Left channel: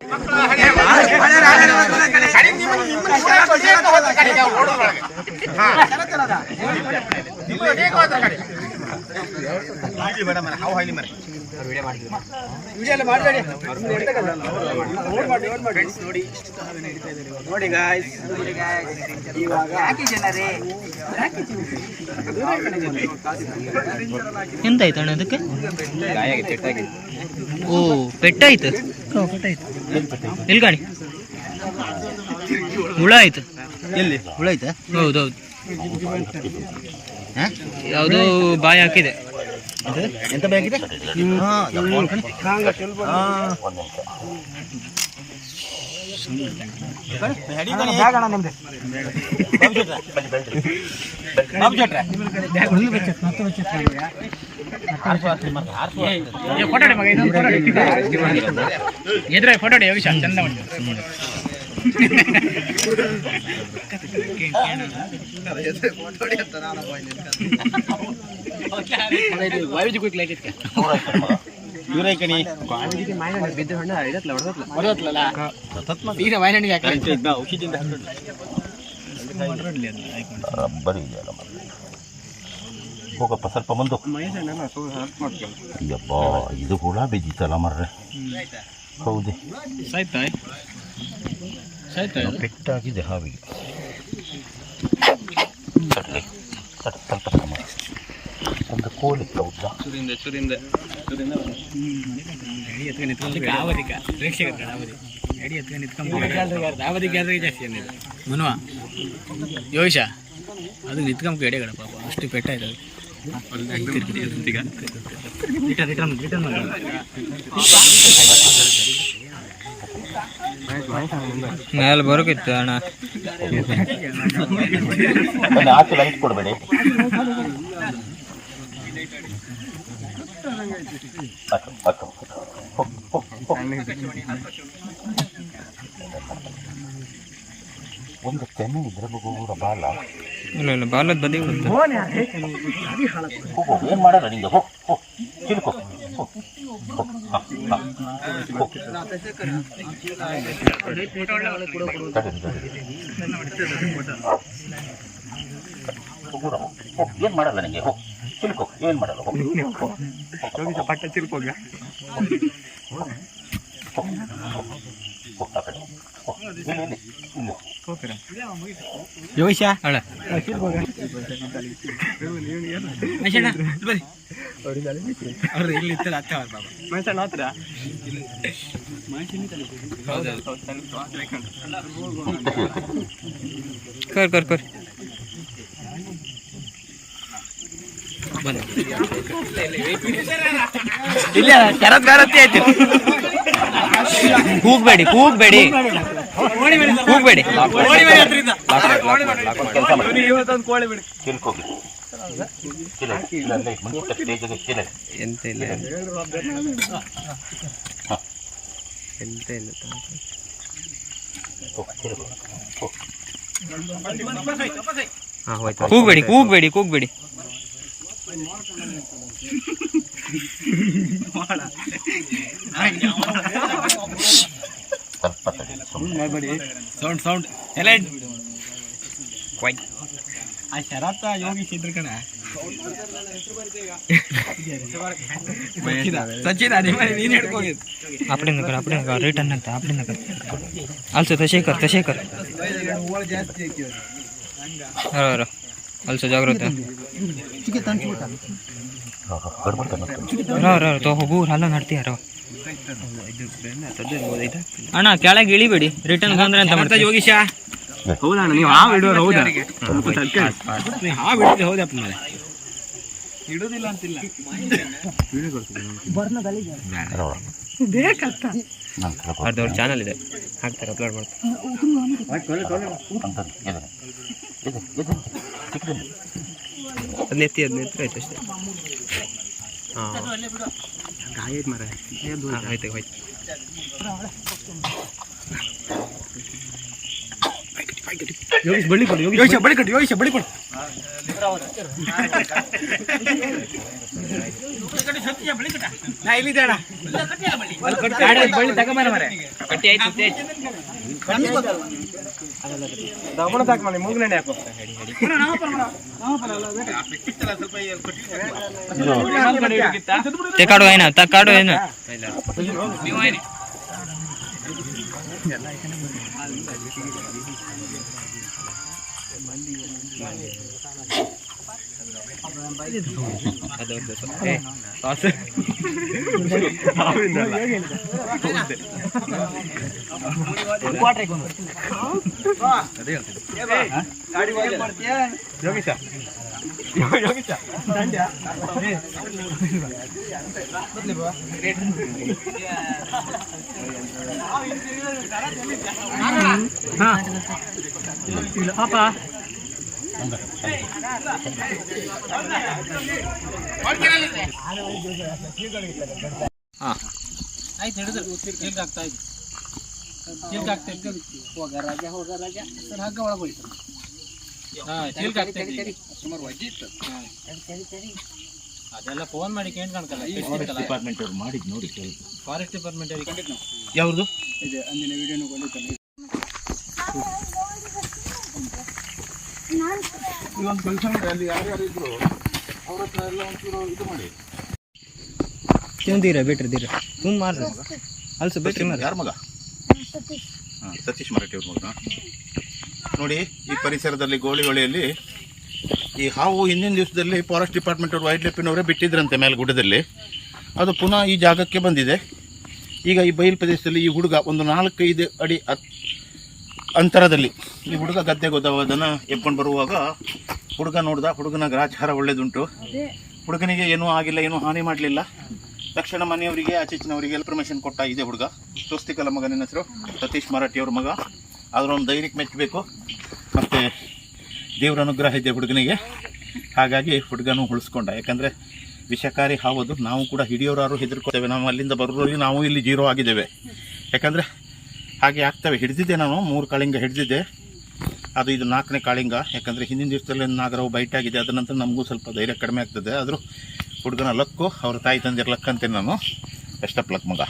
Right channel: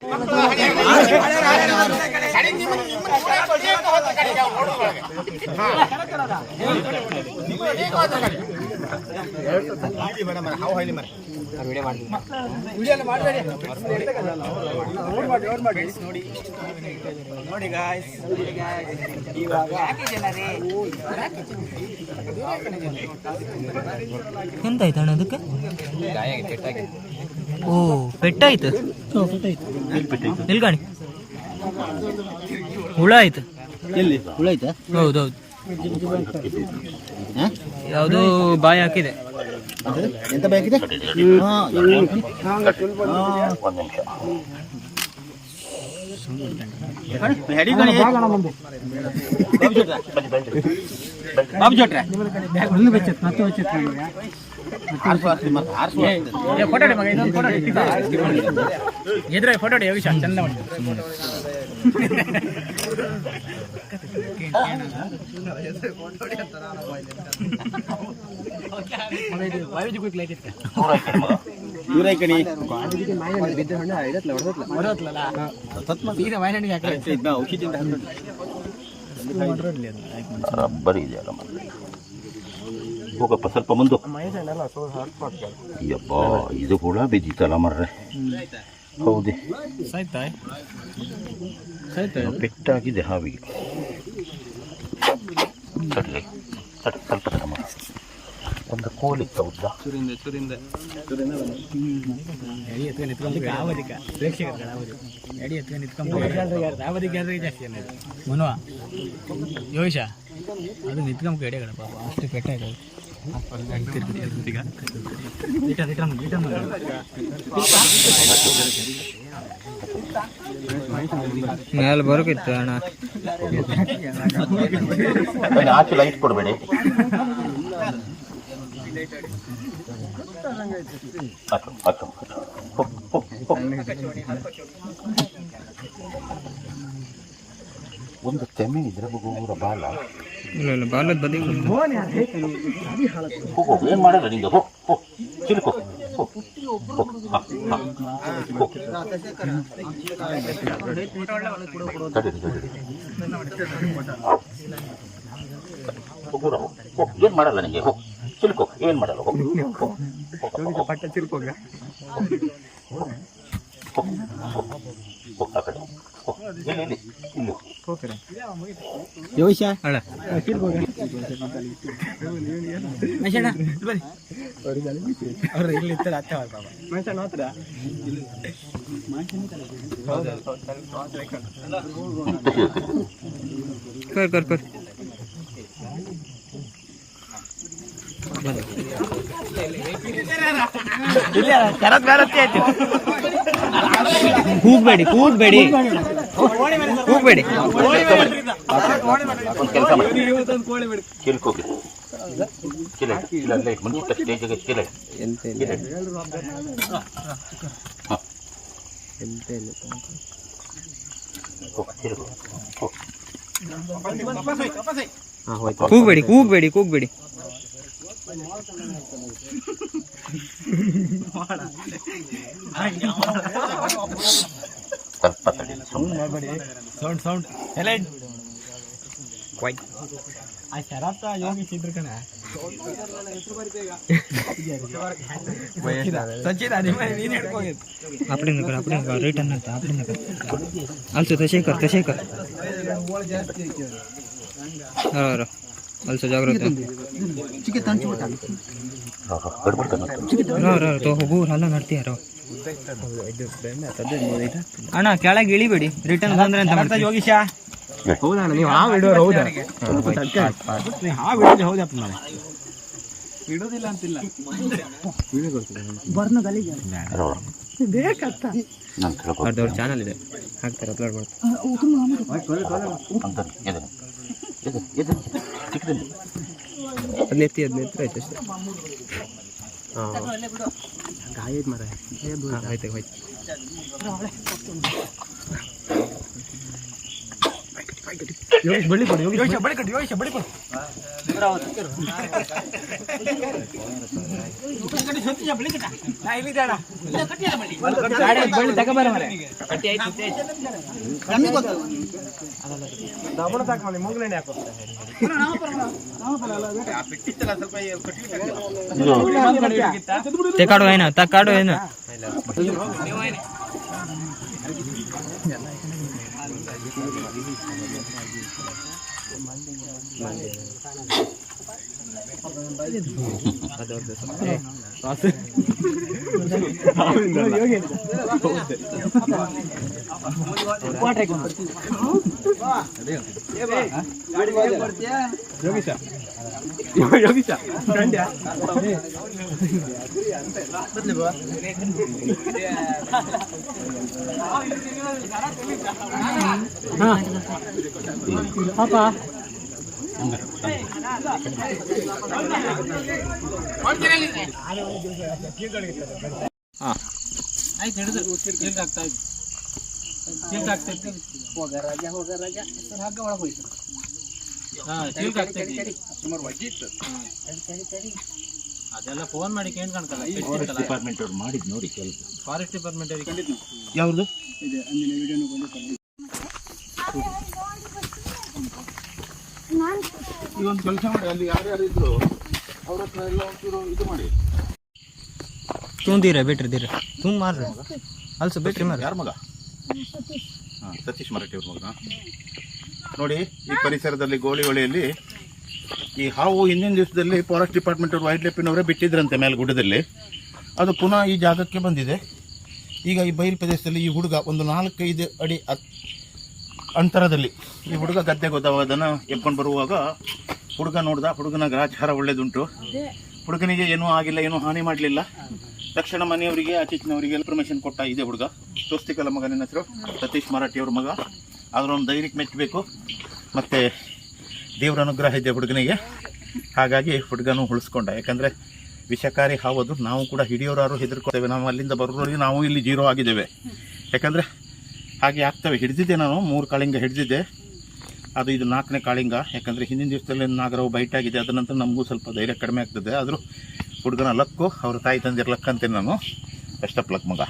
ನೋಡಿ ಗಾಯ್ಸ್, ಇವಾಗ ಎಂತಾಯ್ತು ಅಣ್ಣ ಅದಕ್ಕೆ? ಓ ಪೆಟ್ಟಾಯ್ತು. ಎಲ್ಲಿ ಗಾಡಿ ಹುಳ ಆಯ್ತು? ಎಲ್ಲಿ ಹುಳ ಆಯ್ತಾ? ಹೌದೌದು, ಯಾವುದೋ ಬಾಯಿ ಹಾಕಿದೆ. ಎಂತ ಬೇಕಿದೆ? ಎದುರ ಫೋಟೋ ಯೋಗೀಶ ಚಂದ ಉಂಟು. ಹೋಗಪ್ಪ ಸ್ವಲ್ಪ ಮುಂದೆ. ಯಬ್ಬ ಇದು ಕೂಡ ಬಿದ್ದಿತ್ತಲ್ಲ ಮರ್ರೆ. ಹೌದೇ ಪೆಟ್ಟಾಗಿದೆ ಹಾವಿಗೆ. ಕಟ್ಲಿ ಸ್ವಲ್ಪ ಒಂದು ಕೋಳಿ ಹೌದಾ? ಮನುವ ಯೋಗೀಶ ಅದು ನಿತ್ಕೊಂಬ ಎಡೆಗಡ ಪಾಪ ಅಷ್ಟು ಪೆಟ್ಟಾಯ್ತು. ಮೇಲೆ ಬರೋಕಿತ್ತು ಅಣ್ಣ. ಆಚೆ ಲೈಟ್ ಕೊಡಬೇಡಿ. ಒಂದು ತೆಮ್ಮೆ ಇದ್ರೆ ಬಗುರ ಬಾಲ ಇಲ್ಲ ಇಲ್ಲ ಬಾಲದ ಬದಿ ಏನ್ ಮಾಡಲ್ಲ ನಿಂಗೆ. ಹೋ ಹೋ ಚಿಲ್ಕೋ ಏನ್ ಮಾಡಲ್ಲ ನಿಂಗೆ. ಹೋ ಚಿಲ್ಕೋ ಏನ್ ಮಾಡಲ್ಲ. ಪಟ್ಟ ಚಿಲ್ಕೋಗ ಯೋಗೀಶ ಅಳ ಅವ್ರು ಇಲ್ಲಿ ಇರ್ತಾರೆ ಅತ್ತೆ ಅವ್ರ ಬಾಬಾ ಮನುಷ್ಯನ ಹತ್ರ ಕರ್ ಕರ್ ಕರ್ ಇಲ್ಲ ಶರತ್ಗಾರತಿ ಆಯ್ತು. ಕೂಗ್ಬೇಡಿ ಕೂಗ್ಬೇಡಿ ಕೂಗ್ಬೇಡಿ. ಚಿಲ್ಕೋಗಿ ಎಂತ ಇಲ್ಲ ಎಂತ ಇಲ್ಲ. ಕೂಗ್ಬೇಡಿ ಕೂಗ್ಬೇಡಿ ಕೂಗ್ಬೇಡಿ. ಸೌಂಡ್ ಸೌಂಡ್ ಎಲೆಡ್ ಆ ಶರತ್ತ ಯೋಗೀಶ್ ಇದ್ರು ಕಣ. ಸಚಿನ್ ನೀನು ಹಿಡ್ಕೋಗಿದ್ದು आपणे कर रिटर्न ಅಂತ आपणे कर also तसे कर अरे also जागृत तो ಹೋಗು ಹಾಲ ನಡ್ತೀಯಾರ. ಅಣ್ಣ ಕೆಳಗೆ ಇಳಿಬೇಡಿ, ರಿಟರ್ನ್ ಬಂದ್ರೆ ಅಂತ ಮಾಡ್ತಾ ಯೋಗೀಶ. ಹೌದಾ ನೀವು ಹಾವು ಇಡೋರು? ಹೌದಾ ನೀವು ಹಾವು ಇಡೋದು? ಹೌದಪ್ಪ ಮೇಲೆ ಇಡೋದಿಲ್ಲ ಅಂತಿಲ್ಲ. ಅವ್ರದ್ದು ಚಾನಲ್ ಇದೆ, ಹಾಕ್ತಾರೆ, ಅಪ್ಲೋಡ್ ಮಾಡ್ತಾರೆ. ಹದಿನೆತ್ತಿ ಆಯ್ತು ಅಷ್ಟೇ. ಹಾಂ ಗಾಯ ಐತೆ ಮರ. ಆಯ್ತು ಹೋಯ್ತು. ಯೋಗೀಶ್ ಬಳ್ಳಿ ಕೊಡು, ಯೋಗೀಶ್ ಬಳ್ಳಿ ಕೊಡು. ಬಳ್ಳಿ ತಗೋಬಾರ ಮರೆ ಕಟ್ಟಿ ಆಯ್ತು ದಮಣ ತಾಕ ಮಾಡಿ ಮೂಗ್ನೆಣ್ಣೆ ಹಾಕೋ ತಕಾಡು ಏನು ನೀವು ಏನಿ ಆಯ್ತು ಹಿಡಿದು ಚಿಲ್ಕ ಆಗ್ತಾ ಇತ್ತು ಚಿಲ್ಕ ಆಗ್ತಾ ಇತ್ತು ಹೋಗ ರಾಜ ಹಗ್ಗ ಒಳಗೆ ಹೋಯ್ತು ಚಿಲ್ಕ ಆಗ್ತಾ ಇತ್ತು ಸುಮಾರು ವಜ್ಜಿ ಇತ್ತು ಅದೆಲ್ಲ ಫೋನ್ ಮಾಡಿ ಕೇಳ್ಕಣಕಲ್ಲ ಡಿಪಾರ್ಟ್ಮೆಂಟ್ ಅವ್ರು ಮಾಡಿದ್ ನೋಡಿ ಕೆಲಸ. ಫಾರೆಸ್ಟ್ ಡಿಪಾರ್ಟ್ಮೆಂಟ್ ಅವ್ರಿಗೆ ಯಾವ್ದು ಇದೆ ಅಂದಿನ ವಿಡಿಯೋನು ಬಂದಿತ್ತಲ್ಲ ಒಂದು ಕೆಲಸ ಮಾಡಿ, ಅಲ್ಲಿ ಯಾರ್ಯಾರು ಇದ್ರು ಅವ್ರ ಹತ್ರ ಎಲ್ಲ ಒಂಚೂರು ಇದು ಮಾಡಿ. ತುಂದಿರ ಬಿಟ್ರದಿರ ತುಂಬ ಮಾರ್ರಿ ಅಲ್ಸ ಬಿಟ್ರಿ ಮಾರ್ರಿ. ಯಾರ ಮಗ? ಸತೀಶ್ ಮರಾಠಿ ಅವ್ರ ಮಗ. ನೋಡಿ, ಈ ಪರಿಸರದಲ್ಲಿ ಗೋಳಿಹೊಳೆಯಲ್ಲಿ ಈ ಹಾವು ಹಿಂದಿನ ದಿವಸದಲ್ಲಿ ಫಾರೆಸ್ಟ್ ಡಿಪಾರ್ಟ್ಮೆಂಟ್ ಅವರು ವೈಲ್ಡ್ ಲೈಫಿನವರೇ ಬಿಟ್ಟಿದ್ರಂತೆ ಮೇಲ್ಗುಡ್ಡದಲ್ಲಿ. ಅದು ಪುನಃ ಈ ಜಾಗಕ್ಕೆ ಬಂದಿದೆ. ಈಗ ಈ ಬಯಲು ಪ್ರದೇಶದಲ್ಲಿ ಈ ಹುಡುಗ ಒಂದು 4-5 ಅಡಿ ಅಂತರದಲ್ಲಿ ಈ ಹುಡುಗ ಗದ್ದೆಗೆ ಹೋದವ. ಅದನ್ನು ಎತ್ಕೊಂಡು ಬರುವಾಗ ಹುಡುಗ ನೋಡ್ದ. ಹುಡುಗನ ಗ್ರಾಚಾರ ಒಳ್ಳೇದುಂಟು. ಹುಡುಗನಿಗೆ ಏನೂ ಆಗಿಲ್ಲ, ಏನೂ ಹಾನಿ ಮಾಡಲಿಲ್ಲ. ತಕ್ಷಣ ಮನೆಯವರಿಗೆ ಆಚೀಚಿನವರಿಗೆ ಇನ್ಫಾರ್ಮೇಷನ್ ಕೊಟ್ಟ. ಇದೆ ಹುಡುಗ ಸ್ವಸ್ತಿಕಲ್ಲ ಮಗ, ನಿನ್ನ ಹೆಸರು ಸತೀಶ್ ಮರಾಠಿ ಅವ್ರ ಮಗ. ಆದ್ರೆ ಒಂದು ಧೈರ್ಯಕ್ಕೆ ಮೆಚ್ಚಬೇಕು, ಮತ್ತು ದೇವರ ಅನುಗ್ರಹ ಇದೆ ಹುಡುಗನಿಗೆ. ಹಾಗಾಗಿ ಹುಡುಗನೂ ಉಳಿಸ್ಕೊಂಡ. ಯಾಕಂದರೆ ವಿಷಕಾರಿ ಹಾವದು. ನಾವು ಕೂಡ ಹಿಡಿಯೋರಾರು ಹೆದರ್ಕೋತೇವೆ. ನಾವು ಅಲ್ಲಿಂದ ಬರೋರಿಗೆ ನಾವು ಇಲ್ಲಿ ಜೀರೋ ಆಗಿದ್ದೇವೆ. ಯಾಕಂದರೆ ಹಾಗೆ ಆಗ್ತವೆ. ಹಿಡಿದಿದ್ದೆ ನಾನು 3 ಕಾಳಿಂಗ ಹಿಡಿದಿದ್ದೆ. ಅದು ಇದು 4ನೇ ಕಾಳಿಂಗ. ಯಾಕಂದರೆ ಹಿಂದಿನ ದಿವಸದಲ್ಲಿ ನಾಗರವು ಬೈಟ್ ಆಗಿದೆ. ಅದ ನಂತರ ನಮಗೂ ಸ್ವಲ್ಪ ಧೈರ್ಯ ಕಡಿಮೆ ಆಗ್ತದೆ. ಆದರೂ ಹುಡುಗನ ಲಕ್ಕು, ಅವ್ರ ತಾಯಿ ತಂದಿರ ಲಕ್ ಅಂತೇನೆ ನಾನು. ಬೆಸ್ಟ್ ಆಫ್ ಲಕ್ ಮಗ.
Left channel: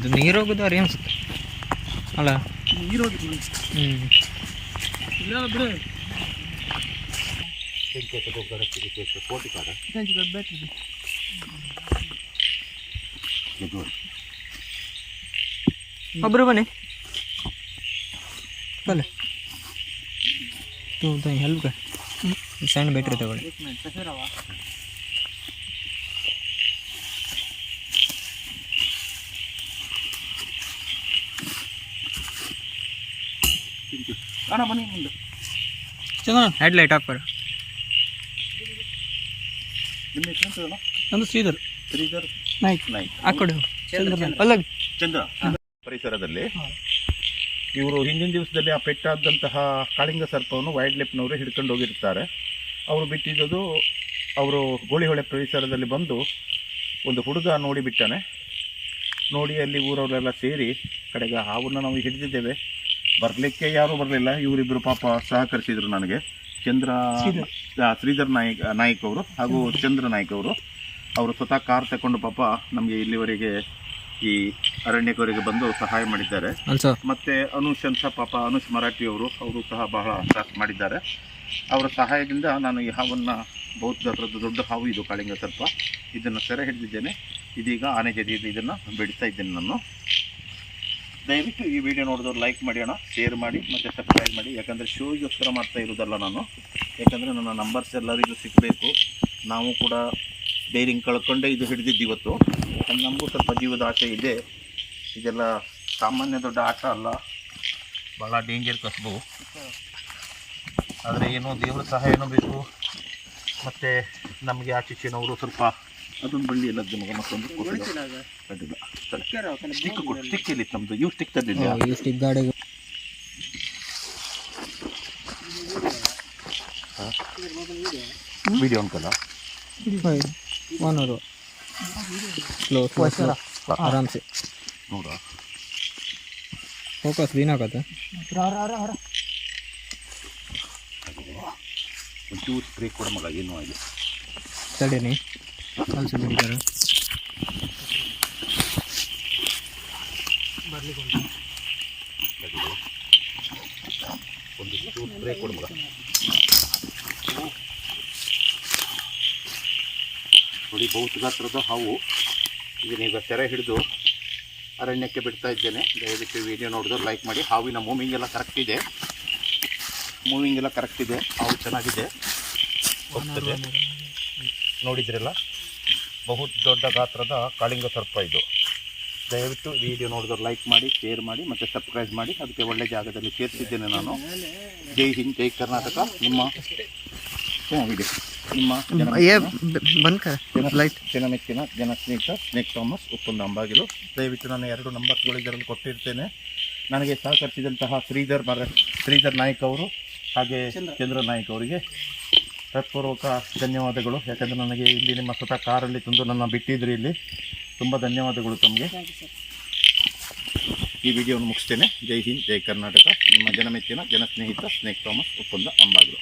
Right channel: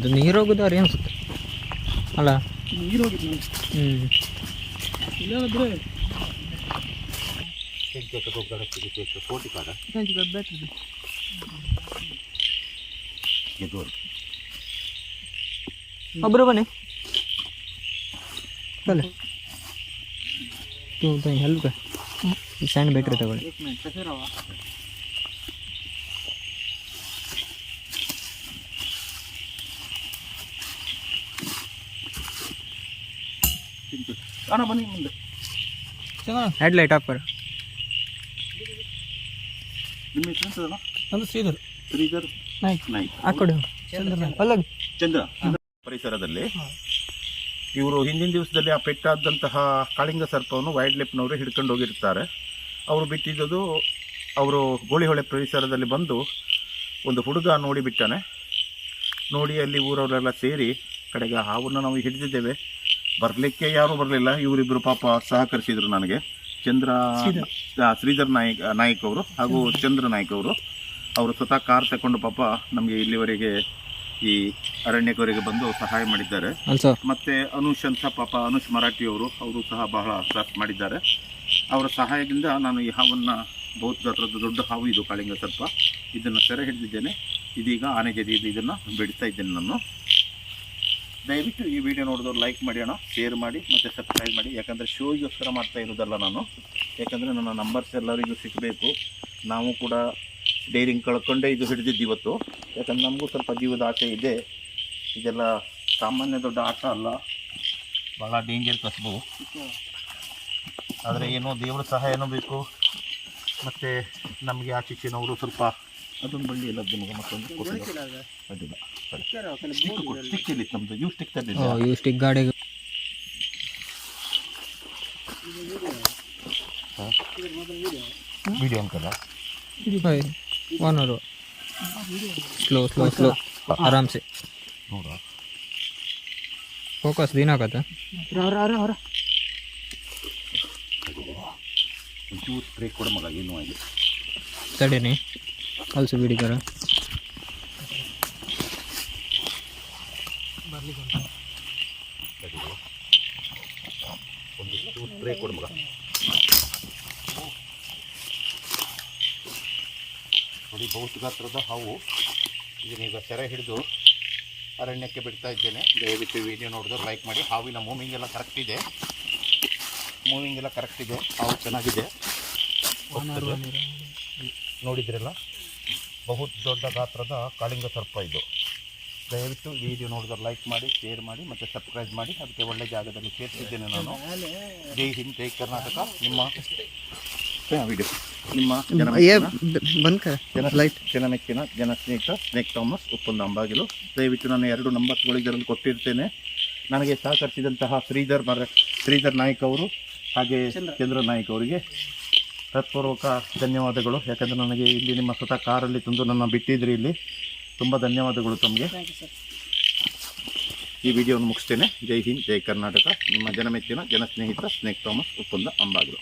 ಇದು ನೀರು ಹೋಗೋದವ್ರಿ ಅನ್ಸುತ್ತೆ ಅಲ್ಲ? ನೀರು ಹೋಗಿದ್ದು ಇಲ್ಲಾದ್ರೆ ಒಬ್ಬರು ಬನ್ನಿ ಬಲ್ಲ तू हेल्प कर स्टैंड बैठ रहे थे ಕಾಣ ಬನ್ನಿ ಮುಂದೆ. हेडलाइट ऑफ कर ನಿಮ್ಮ ಹೆಸರು ಎಂತದಲ್ಲ? ನಂದು ಶ್ರೀಧರ್ ನಾಯ್ಕ್. ಆ ಕಡೆ ಅಲ್ಲಗ ಚಂದ್ರ. ಪರಿಸರದಲ್ಲಿ ಇವರು ಹಿಂದಿನ ದಿವಸದಲ್ಲಿ ಆ ಪೆಟ್ಟಾದಂತಹ ಕಾಳಿಂಗ ಸರ್ಪವನ್ನು ವೈಲ್ಡ್ ಲೈಫ್ನವರು ಹಿಡ್ಕೊಂಡು ಹೋಗಿರ್ತಾರೆ. ಅವರು ಬಿಟ್ಟಿದ್ದು ಅವರು ಗೋಳಿಹೊಳೆ ಪರಿಸರದಲ್ಲಿ ಬಂದು ಒಂದು ಹುಡುಗ ನೋಡಿ ಬಿಟ್ಟಾನೆ. ನೋಡಿ ಅಲ್ಲಿ ಊರವರೆಲ್ಲ ಸೇರಿ ಕಡೆಗೆ ಹಾವನ್ನು ನಾವು ಹಿಡಿದಿದ್ದೇವೆ. ಬರಲಿಕ್ಕೆ ಯಾರೂ ಬರಲಿಲ್ಲ. ಇವರಿಬ್ಬರು ಪಾಪ ಸಹಕರಿಸಿದರು ನನಗೆ. ಶ್ರೀಧರ್ ನಾಯ್ಕ್ ಅವರು ಹಾಗೂ ಚಂದ್ರ ನಾಯ್ಕ್ ಅವರು ಸ್ವತಃ ಕಾರ್ ತಗೊಂಡು ಪಾಪ ನಮಗೆ ಇಲ್ಲಿವರೆಗೆ ಈ ಅರಣ್ಯಕವರೆಗೆ ಬಂದು ಸಹಾಯ ಮಾಡಿದ್ದಾರೆ. ಮತ್ತೆ ಅನುಷ್ ಅಂತ ಪಾಪ ಅನುಷ್ ಮರಾಠಿ ಅವರು ಸಹ ಬಹಳ ಸಾಥ್ ಮಾಡಿದ್ದಾರೆ. ಅವರ ಸಹಾಯದಿಂದ ನಾನು ಈ ಹಾವನ್ನು ಬಹುತ್ ದೊಡ್ಡ ಹಾವು ಇದು ಕಾಳಿಂಗ ಸರ್ಪ, ಇದನ್ನು ಸೆರೆ ಹಿಡಿದಿದ್ದೇನೆ. ಇದೀಗ ಆನೆ ಜದಿಯಲ್ಲಿ ಇದನ್ನು ಬಿಡ್ತಾ ಇದ್ದೇನೆ ನಾನು. ದಯವಿಟ್ಟು ಈ ವಿಡಿಯೋ ನೋಡಿದವ್ರು ಲೈಕ್ ಮಾಡಿ ಅಣ್ಣ, ಶೇರ್ ಮಾಡಿ ಮತ್ತು ಸಬ್ಸ್ಕ್ರೈಬ್ ಮಾಡಿ. ಯಾಕಂದರೆ ಶೋಗೋಸ್ಕರ ಮಾಡ್ತಾ ಇರೋದಲ್ಲ ನಾನು, ಯಾಕಂದರೆ ನನ್ನ ನಂಬರ್ಸ್ ಎಲ್ಲರಿಗೂ ಸಿಗಬೇಕು. ನಾವು ಕೂಡ ಡೈರಿಂಗ್ ಕಳ್ಕೊಂಡೇ ಇದು ಹಿಡಿದಿದ್ದು ಇವತ್ತು. ಯಾಕಂದರೆ ನಮಗೂ ಸ್ವಲ್ಪ ಜೀವದ ಆಸೆ ಇದೆ. ಇದೆಲ್ಲ ಸಾಮಾನ್ಯ ದೊಡ್ಡ ಆಟ ಅಲ್ಲ, ಭಾಳ ಡೇಂಜರ್ ಕಸಬು. ಆದರೆ ಏನೋ ದೇವರ ಸಹಾಯನೂ ಬೇಕು, ಮತ್ತು ನಮಗೆ ಆ ಶಿಕ್ಷಣವರು ಸ್ವಲ್ಪ ಅದೊಂದು ಬಳ್ಳಿ ಎಲ್ಲ ಮಗ ಮತ್ತೊಂದು ಅಡ್ಡಿಲ್ಲ. ಸ್ಟಿಕ್ ಇಲ್ಲಿ ನಮ್ಮದು ಇವು ಸ್ಟಿಕ್ ತಂದಿದ್ದೆ. ಇವು ಸ್ಟಿಕ್ ಗಾಡಿಗೆ ವಿಡಿಯೋ ಉಂಟಲ್ಲ, ಸ್ಲೋ ಸ್ಲೋ ಸ್ಲೋ ಆರಾಮ್ಸೆ ನೋಡ ಫೋಕಸ್ ಬೀನಾಗತ್ತ. ಒಂಚೂರು ಸ್ಪ್ರೇ ಕೊಡ ಮಗ, ಏನೂ ಆಗಿ ತಡೇನೆ ಅಲ್ಸು ಬಿಡಿದಾರ. ಒಂದು ಚೂರು ಸ್ಪ್ರೇ ಕೊಡ ಮಗ. ನೋಡಿ ಬಹುತ್ ಗಾತ್ರದ ಹಾವು. ಇದನ್ನೀಗ ಸೆರೆ ಹಿಡಿದು ಅರಣ್ಯಕ್ಕೆ ಬಿಡ್ತಾ ಇದ್ದೇನೆ. ದಯವಿಟ್ಟು ವಿಡಿಯೋ ನೋಡಿದ್ರು ಲೈಕ್ ಮಾಡಿ. ಹಾವಿನ ಮೂವಿಂಗ್ ಎಲ್ಲ ಕರೆಕ್ಟ್ ಇದೆ, ಹಾವು ಚೆನ್ನಾಗಿದೆ. ನೋಡಿದ್ರಲ್ಲ, ಬಹುತ್ ದೊಡ್ಡ ಗಾತ್ರದ ಕಾಳಿಂಗ ಸರ್ಪ ಇದು. ದಯವಿಟ್ಟು ವಿಡಿಯೋ ನೋಡಿದ್ರು ಲೈಕ್ ಮಾಡಿ, ಶೇರ್ ಮಾಡಿ ಮತ್ತು ಸಬ್ಸ್ಕ್ರೈಬ್ ಮಾಡಿ. ಅದಕ್ಕೆ ಒಳ್ಳೆ ಜಾಗದಲ್ಲಿ ಸೇರ್ತಿದ್ದೇನೆ ನಾನು. ಜೈ ಹಿಂದ್, ಜೈ ಕರ್ನಾಟಕ. ನಿಮ್ಮ ವಿಡಿಯೋ ನಿಮ್ಮ ಜನಮೆಚ್ಚಿನ ಜನಸ್ನೇಹಿತ ಸ್ನೇಕ್ ಥಾಮಸ್, ಉಪ್ಪಂದ ಅಂಬಾಗಿಲು. ದಯವಿಟ್ಟು ನಾನು 2 ನಂಬರ್ಸ್ಗಳು ಇದರಲ್ಲಿ ಕೊಟ್ಟಿರ್ತೇನೆ. ನನಗೆ ಸಹಕರಿಸಿದಂತಹ ಶ್ರೀಧರ್ ನಾಯ್ಕ್ ಅವರು ಹಾಗೆ ಚಂದ್ರ ನಾಯ್ಕ್ ಅವರಿಗೆ ಹೃತ್ಪೂರ್ವಕ ಧನ್ಯವಾದಗಳು. ಯಾಕಂದರೆ ನನಗೆ ಇಲ್ಲಿ ನಿಮ್ಮ ಸ್ವತಃ ಕಾರಲ್ಲಿ ತಂದು ನನ್ನ ಬಿಟ್ಟಿದ್ರಿ ಇಲ್ಲಿ. ತುಂಬ ಧನ್ಯವಾದಗಳು ತಮಗೆ. ಈ ವಿಡಿಯೋವನ್ನು ಮುಗಿಸ್ತೇನೆ. ಜೈ ಹಿಂದ್, ಜೈ ಕರ್ನಾಟಕ. ನಿಮ್ಮ ಜನಮೆಚ್ಚಿನ ಜನಸ್ನೇಹಿತ ಸ್ನೇಕ್ ಥಾಮಸ್, ಉಪ್ಪಂದ ಅಂಬಾಗಿಲು.